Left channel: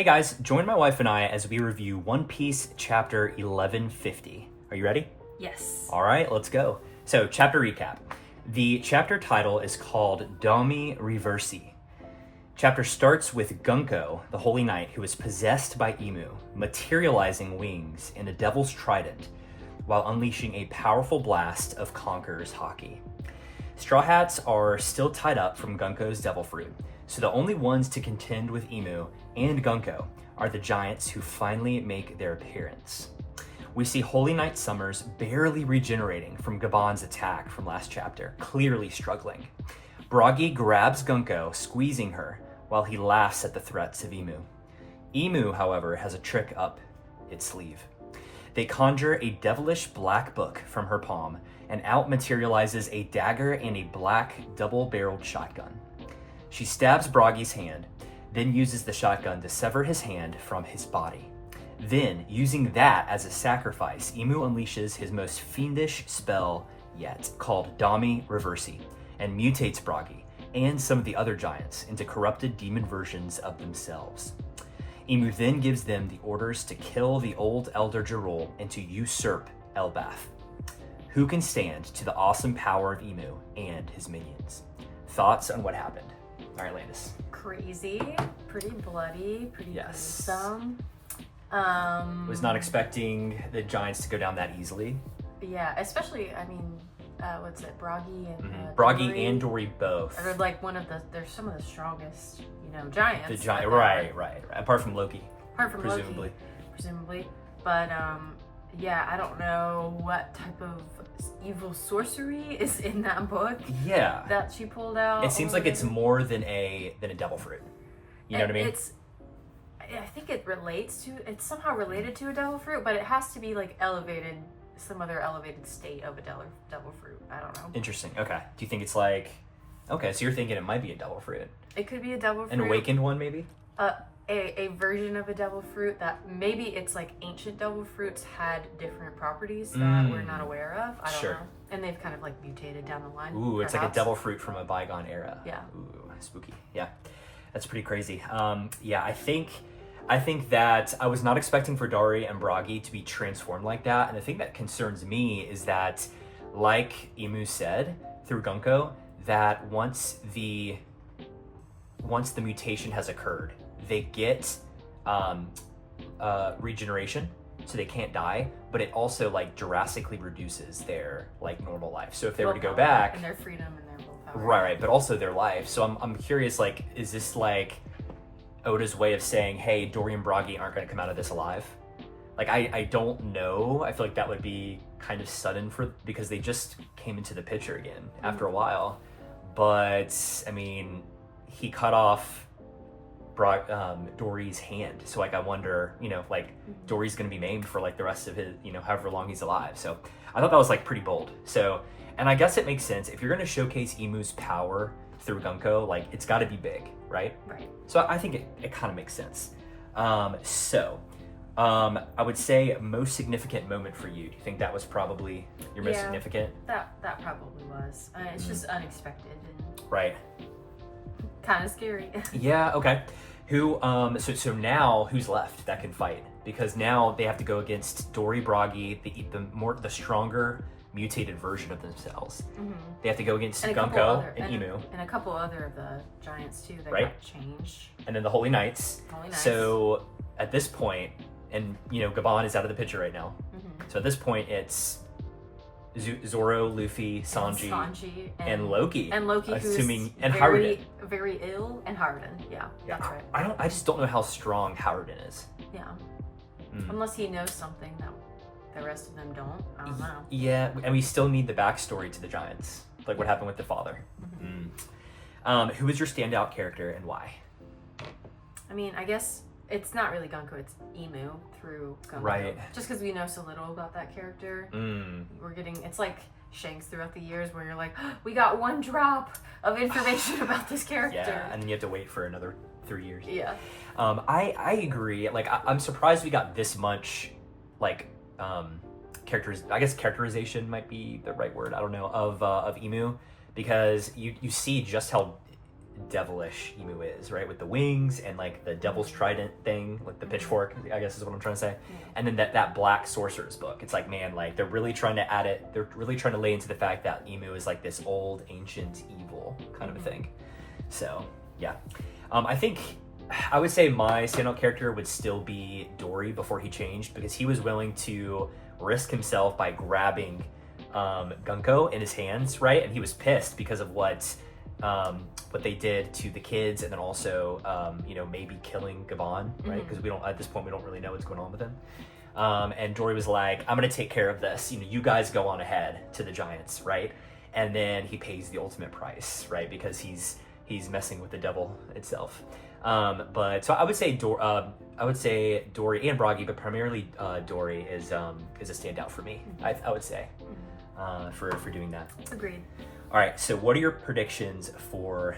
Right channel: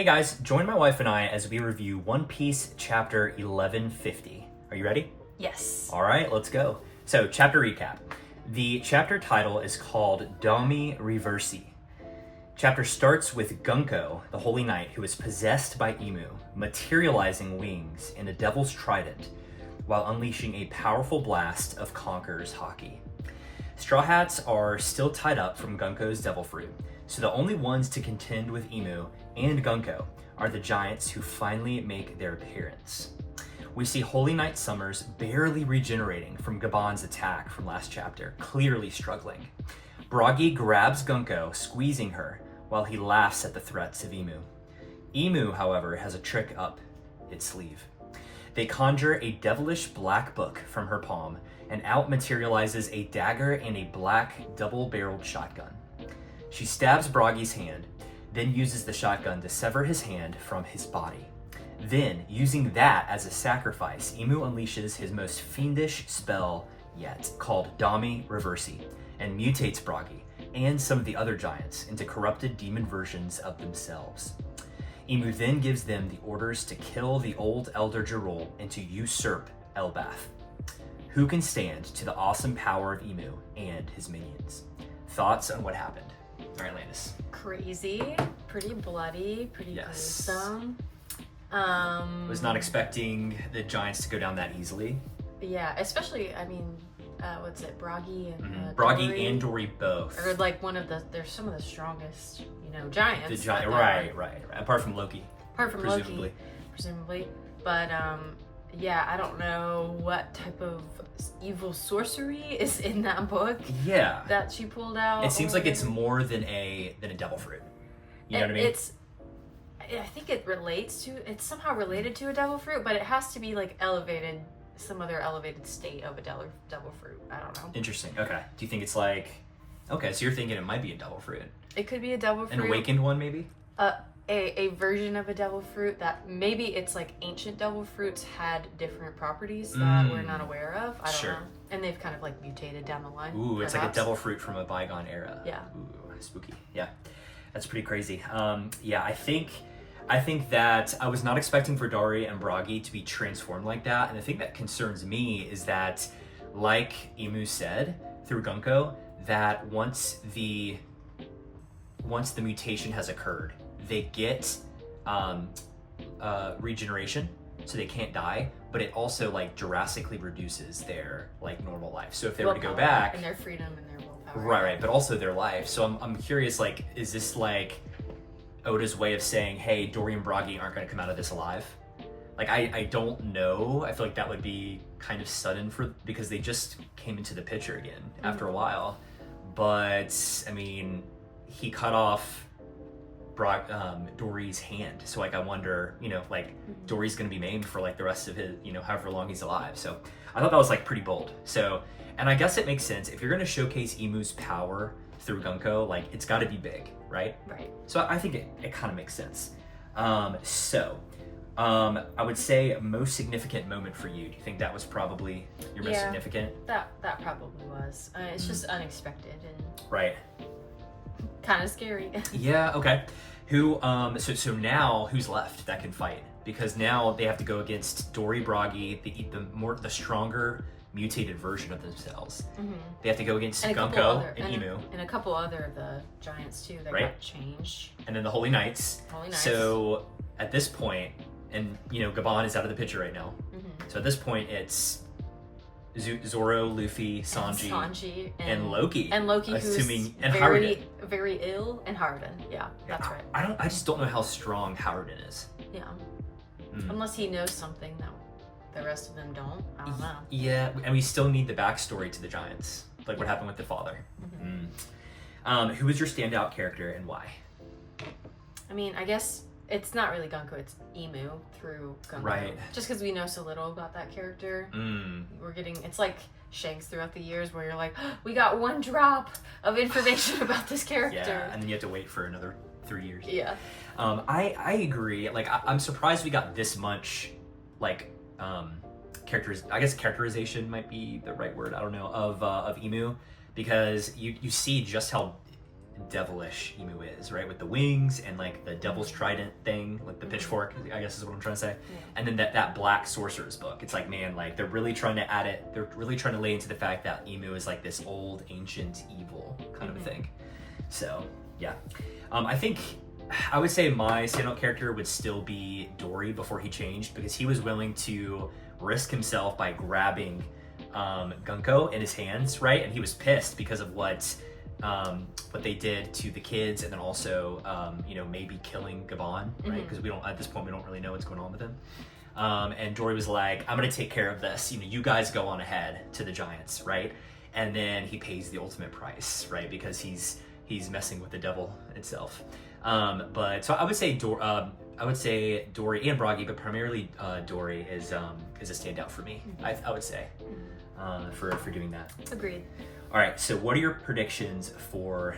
Hey guys, join my wife and I as we review One Piece chapter 1150. Are you ready? Yes. All right, let's go. So, chapter recap. The chapter title is called Dami Reversi. Chapter starts with Gunko, the Holy Knight, who is possessed by Imu, materializing wings and a devil's trident, while unleashing a powerful blast of Conqueror's Haki. Straw Hats are still tied up from Gunko's devil fruit, so the only ones to contend with Imu and Gunko are the giants who finally make their appearance. We see Holy Knight Summers barely regenerating from Gaban's attack from last chapter, clearly struggling. Bragi grabs Gunko, squeezing her, while he laughs at the threats of Imu. Imu, however, has a trick up its sleeve. They conjure a devilish black book from her palm, and out materializes a dagger and a black double-barreled shotgun. She stabs Bragi's hand, then uses the shotgun to sever his hand from his body. Then, using that as a sacrifice, Imu unleashes his most fiendish spell yet, called Dami Reversi, and mutates Bragi and some of the other giants into corrupted demon versions of themselves. Imu then gives them the orders to kill the old Elder Gerol and to usurp Elbath. Who can stand to the awesome power of Imu and his minions? Thoughts on what happened? All right, Landis. Crazy, pretty bloody, pretty gruesome. Was not expecting the giants to go down that easily. Yeah, especially, what's it, Bragi and Bragi Dory, and Dory both. are like they're some of the strongest, giants. The giant, right. Apart from Loki. Apart from Loki, presumably. But yeah, I don't know what type of evil sorcery is in that book. Yeah. That she pulled out. It seems like it's more than a devil fruit. You know what I mean? I think it's somehow related to a devil fruit, but it has to be like elevated, some other elevated state of a devil fruit. I don't know. Interesting. Okay. Do you think it's like, okay, so you're thinking it might be a devil fruit? It could be a devil fruit. An awakened one, maybe? A version of a devil fruit that maybe it's like ancient devil fruits had different properties that we're not aware of. I don't know. And they've kind of like mutated down the line. Ooh, perhaps. It's like a devil fruit from a bygone era. Yeah. Ooh, spooky. Yeah. That's pretty crazy. Yeah, I think that I was not expecting for Dari and Bragi to be transformed like that, and the thing that concerns me is that, like Imu said through Gunko, that once the mutation has occurred, they get regeneration, so they can't die, but it also like drastically reduces their like normal life. So if they were to go back, and their freedom and their willpower, right, but also their life. So I'm curious, like, is this like Oda's way of saying, hey, Dory and Bragi aren't going to come out of this alive? Like, I don't know. I feel like that would be kind of sudden because they just came into the picture again after a while. But I mean, he cut off Dory's hand, so like I wonder, Dory's gonna be maimed for like the rest of his, however long he's alive. So I thought that was like pretty bold. So, and I guess it makes sense if you're gonna showcase Imu's power through Gunko, like it's got to be big, right? Right. So I think it kind of makes sense. I would say most significant moment for you. Do you think that was probably your most significant? That probably was. It's just unexpected and right. Kind of scary. Yeah. Okay. Who? So now who's left that can fight? Because now they have to go against Dory, Bragi, the stronger mutated version of themselves. Mm-hmm. They have to go against Gunko and Imu. And a couple other of the giants too that got changed. And then the Holy Knights. So at this point, and Gaban is out of the picture right now. Mm-hmm. So at this point it's Zoro, Luffy, Sanji and Loki. And Loki, who's very ill, and Harden. Yeah, that's right. I just don't know how strong Harden is. Yeah. Unless he knows something that the rest of them don't. I don't know. Yeah, and we still need the backstory to the giants, like what happened with the father. Mm-hmm. Who was your standout character and why? I mean, I guess it's not really Gunko, it's Imu through Gunko. Right. Just because we know so little about that character. It's like Shanks throughout the years where you're like, oh, we got one drop of information about this character. Yeah, and you have to wait for another 3 years. Yeah. I agree. Like, I'm surprised we got this much, like, characterization might be the right word, I don't know, of Imu, because you see just how devilish Emu is, right? With the wings and like the devil's trident thing, like the pitchfork, I guess is what I'm trying to say. Yeah. And then that black sorcerer's book. It's like, man, like they're really trying to add it. They're really trying to lay into the fact that Emu is like this old, ancient evil kind of thing. So yeah, I think I would say my standout character would still be Dory before he changed, because he was willing to risk himself by grabbing Gunko in his hands, right? And he was pissed because of what they did to the kids, and then also maybe killing Gavon, right? Because we don't, at this point, we don't really know what's going on with him. And Dory was like, I'm gonna take care of this, you guys go on ahead to the giants, right? And then he pays the ultimate price, right? Because he's messing with the devil itself. But so I would say Dory and Bragi, but primarily Dory is a standout for me. I would say for doing that. Agreed. All right. So what are your predictions for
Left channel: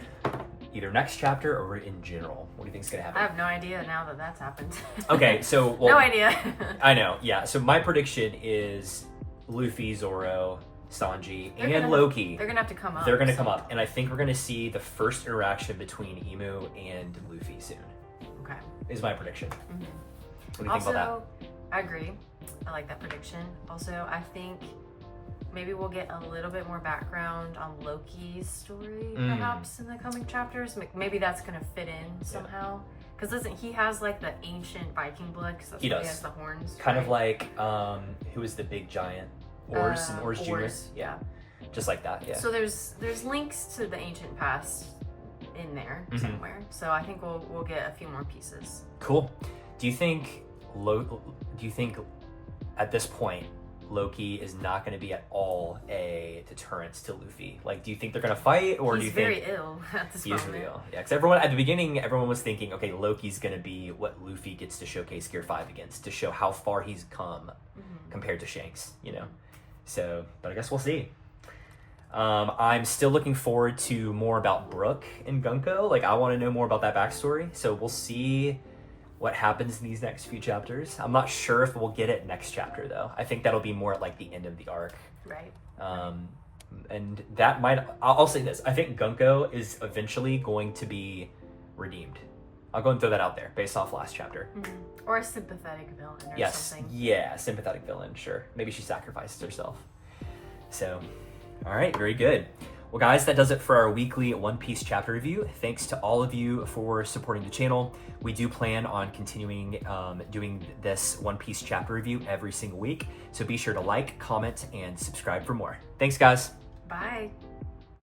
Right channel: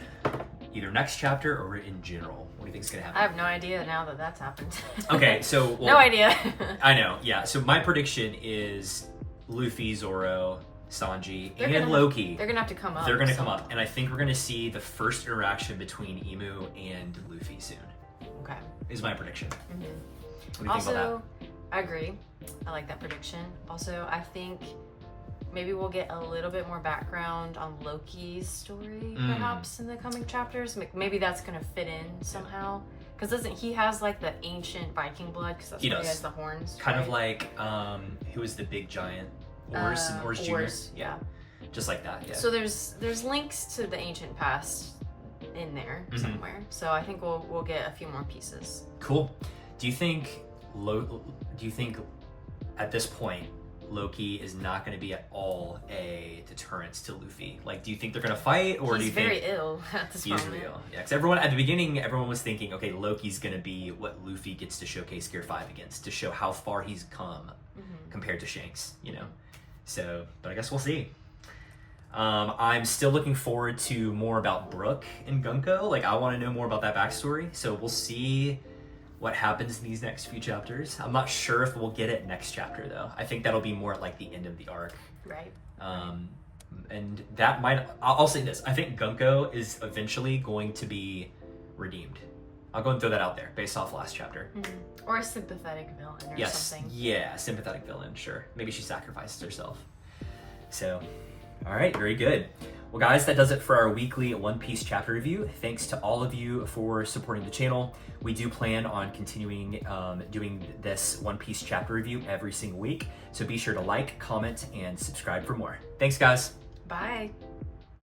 either next chapter or in general? What do you think is gonna happen? I have no idea now that that's happened. Okay. So no idea. I know. Yeah. So my prediction is Luffy, Zoro, Sanji, and Loki. They're gonna have to come up. They're gonna come up, and I think we're gonna see the first interaction between Emu and Luffy soon. Okay. Is my prediction. Mm-hmm. What do you Also, think about I agree. I like that prediction. Also, I think maybe we'll get a little bit more background on Loki's story, perhaps in the coming chapters. Maybe that's gonna fit in somehow. Because doesn't he has like the ancient Viking blood? Because that's why he has the horns. Kind right? of like who is the big giant? Ors and Ors Jr. Yeah. Just like that. Yeah. So there's links to the ancient past in there somewhere. So I think we'll get a few more pieces. Cool. Do you think at this point Loki is not going to be at all a deterrent to Luffy? Like, do you think they're going to fight, or do you think he's very ill at this moment? He is real. Yeah, because everyone at the beginning, everyone was thinking, okay, Loki's going to be what Luffy gets to showcase Gear 5 against, to show how far he's come compared to Shanks, So, but I guess we'll see. I'm still looking forward to more about Brook and Gunko. Like, I want to know more about that backstory. So we'll see what happens in these next few chapters. I'm not sure if we'll get it next chapter, though. I think that'll be more at like the end of the arc. Right. And that might, I'll say this. I think Gunko is eventually going to be redeemed. I'll go and throw that out there based off last chapter. Or a sympathetic villain or something. Yeah, sympathetic villain, sure. Maybe she sacrifices herself. So, all right, very good. Well, guys, that does it for our weekly One Piece chapter review. Thanks to all of you for supporting the channel. We do plan on continuing doing this One Piece chapter review every single week. So be sure to like, comment, and subscribe for more. Thanks, guys. Bye.